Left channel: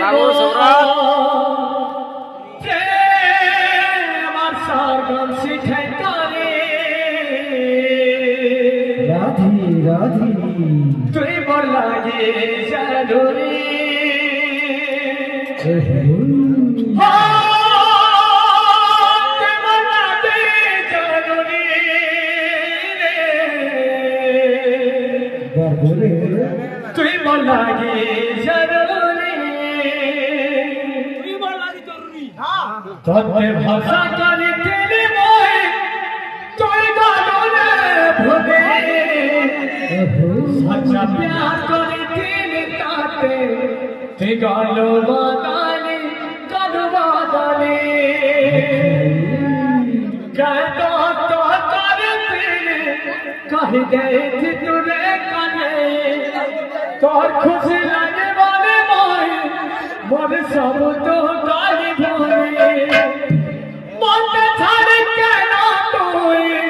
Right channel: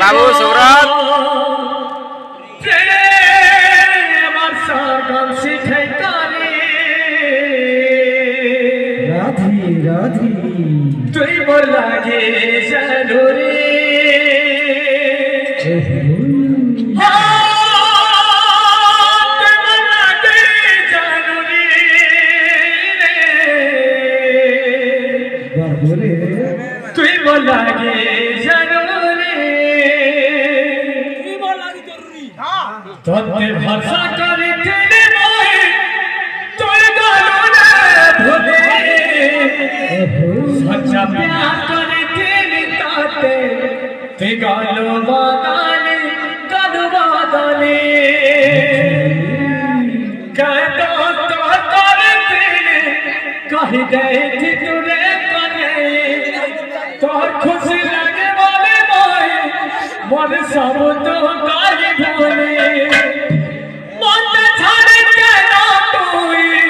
बाबू सौरभ राधी राधी तुई बोला ये जरूरी तुई बोला ये जरूरी तोते भरोसा करी तेरे मोहे तुई गालो ने भूले सच्चा प्यार करे तेरे ताते ते गालो वादाले कहता तो करे तेरे कही दे थी तुरे कने तो खुश लगे वाले मोहे मन सब तो गाली भोले मन छाड़ के ना तोई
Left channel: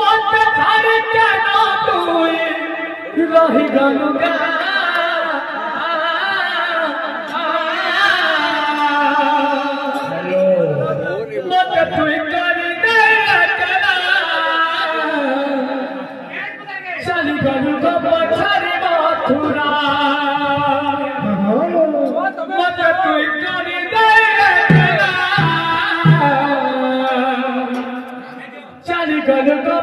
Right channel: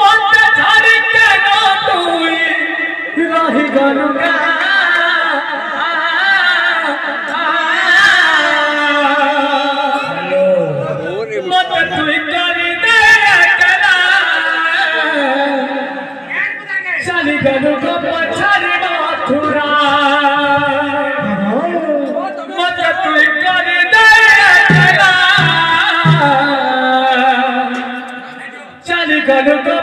मन छाड़ के ना तोई रही गलुगा मत तुई करी दे कला चली गलुगा पछाड़ी मथुरा मत तुई करी दे कला चली गलुगा